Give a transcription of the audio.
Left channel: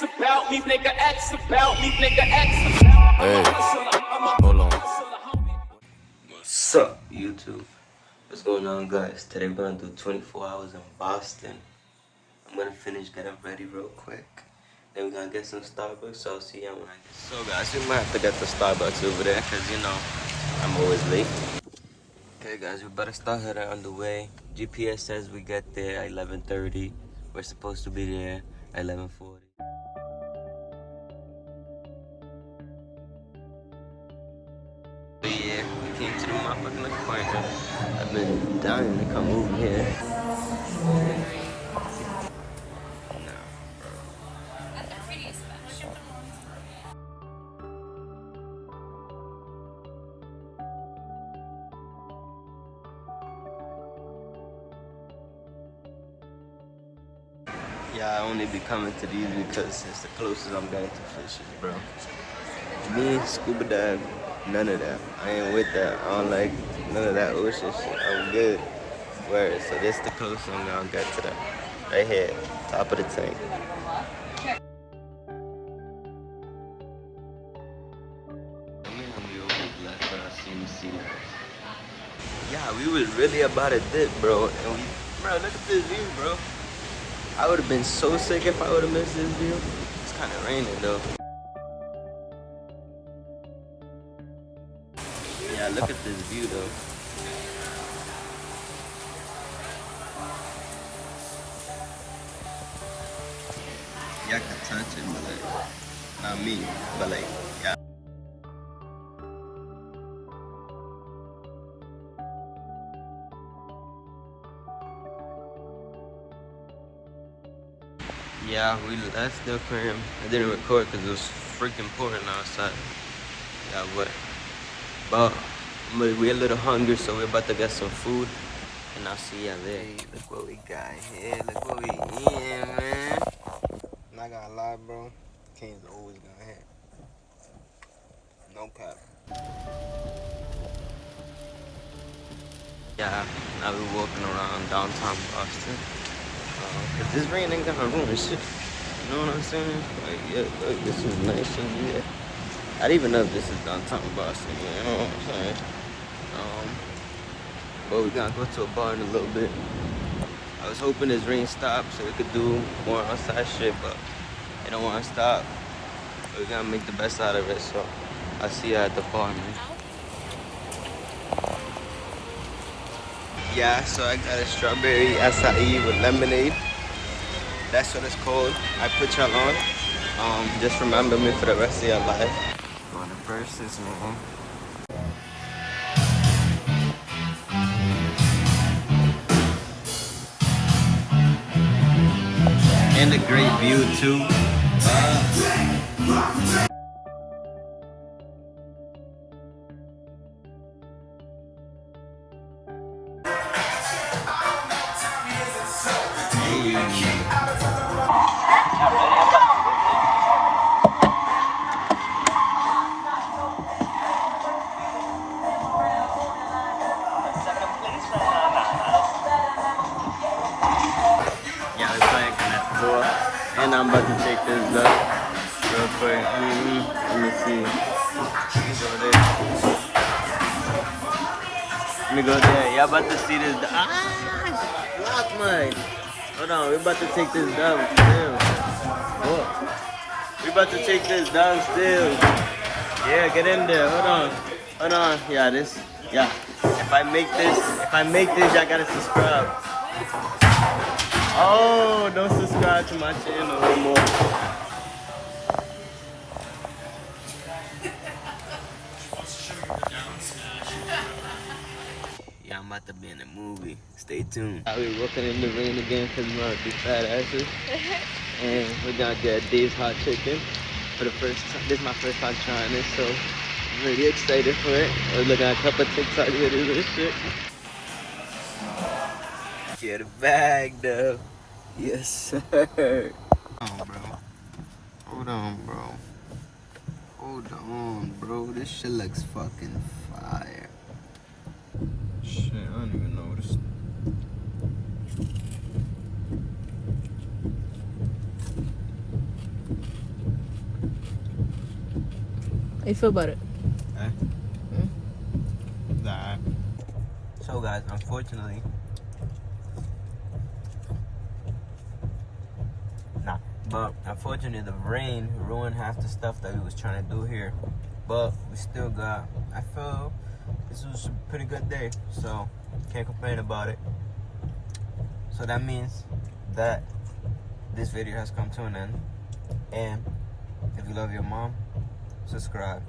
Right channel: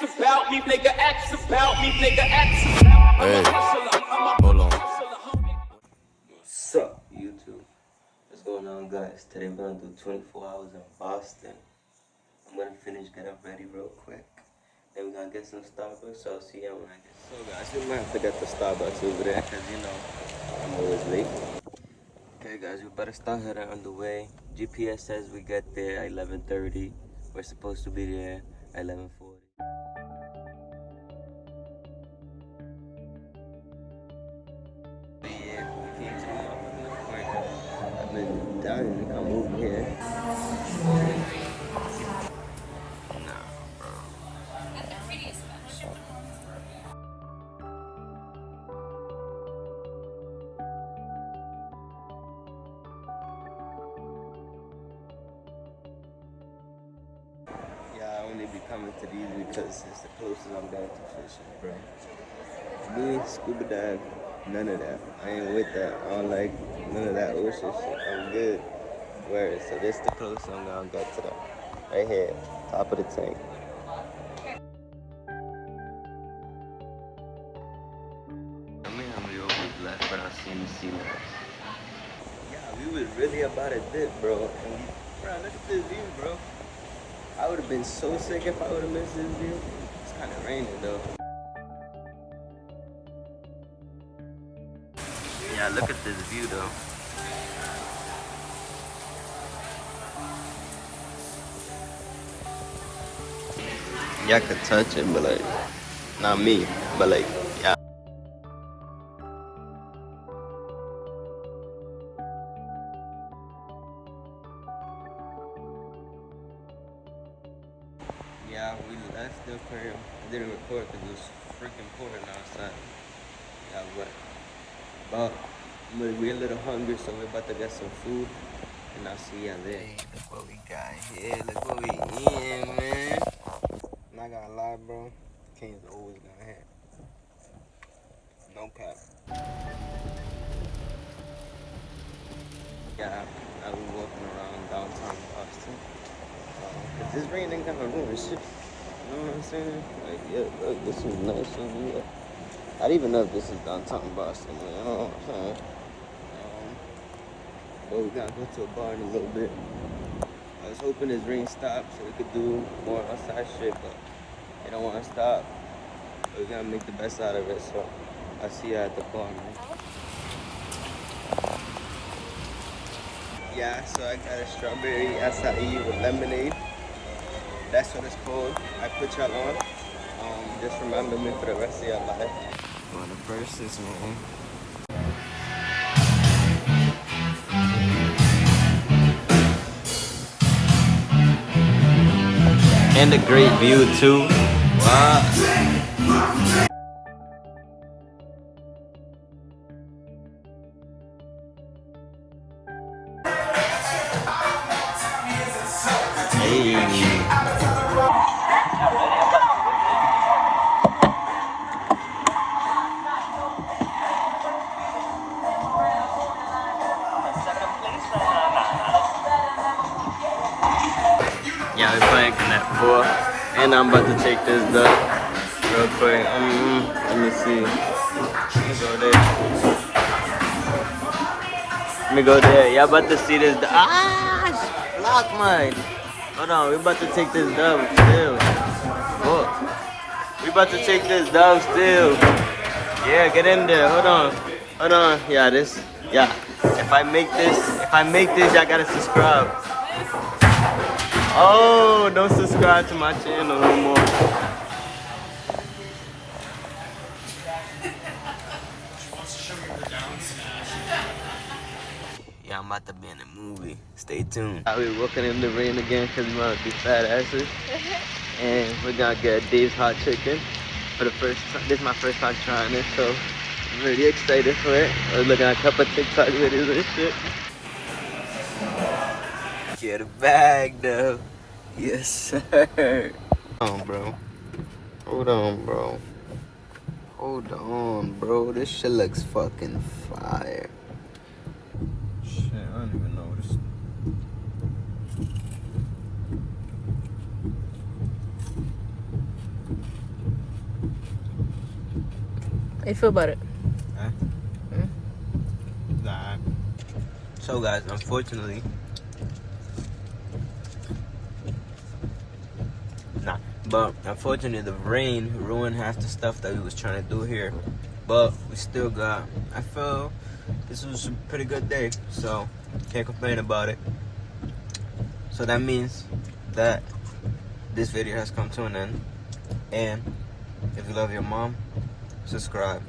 X about me, nigga X about me, nigga X about me. Hey, hold on. What's up, YouTube? What's going on, guys? Today we're gonna do 24 hours in Boston. I'm gonna finish getting ready real quick. Then we're gonna get some Starbucks, so I'll see y'all when I get. So guys, we might have to get the Starbucks over there, cause you know, I'm always late. Okay guys, we better start heading on the way. GPS says we get there at 11:30. We're supposed to be there at 11:40. Yeah, we came to the motherfucking appointment. I've been dying to come over here. Yeah, I only be coming to these because it's the closest I'm going to fishing, bro. Me, scuba dive, none of that. I ain't with that. I don't like none of that ocean shit. I'm good. Word. So this the closest I'm gonna get to that. Right here, top of the tank. I mean, we always left, but I seen the sea lights. Yeah, we was really about to dip, bro. And bro, look at this view, bro. I would have been so sick if I would have missed this view. It's kind of raining though. Yeah, look at this view though. Y'all could touch it, but like, not me, but like, yeah. Yeah, we left the aquarium. I didn't record because it was freaking pouring outside. Yeah, but we're a little hungry, so we're about to get some food, and I'll see y'all there. Hey, look what we got here. Look what we eating, man. Not gonna lie, bro. Kane's always gonna hit. No cap. Yeah, now we're walking around downtown Boston. Cause this rain ain't gonna ruin shit. You know what I'm saying? Like, yeah, look, this is nice and yeah. I don't even know if this is downtown Boston, you know what I'm saying? But we're gonna go to a bar in a little bit. I was hoping this rain stopped so we could do more outside shit, but it don't wanna stop. But we're gonna make the best out of it, so I'll see you at the bar, man. Yeah, so I got a strawberry acai with lemonade. That's what it's called. I put y'all on. Just remember me for the rest of your life. The verses, man. And a great view too. Hey. Yeah, we're playing Connect 4, and I'm about to take this duck real quick. Let me see. Let me go there. Y'all about to see this duck. Ah, block mine. Hold on, we're about to take this duck still. Look. We about to take this duck still. Yeah, get in there. Hold on. Hold on. Yeah, this. Yeah. If I make this, y'all gotta subscribe. Oh, don't subscribe to my channel anymore. Yeah, I'm about to be in a movie. Stay tuned. We're walking in the rain again because we want to be fat asses. And we're gonna get Dave's Hot Chicken for the first time. This is my first time trying this, so I'm really excited for it. I was looking at a couple of TikTok videos and shit. Get a bag though. Yes, sir. Hold on, bro. Hold on, bro. Hold on, bro. This shit looks fucking fire. Shit, I don't even know what it's. you feel about it? Nah. So guys, unfortunately, the rain ruined half the stuff that we was trying to do here. But we still got, I feel this was a pretty good day, so can't complain about it. So that means that this video has come to an end. And if you love your mom, subscribe.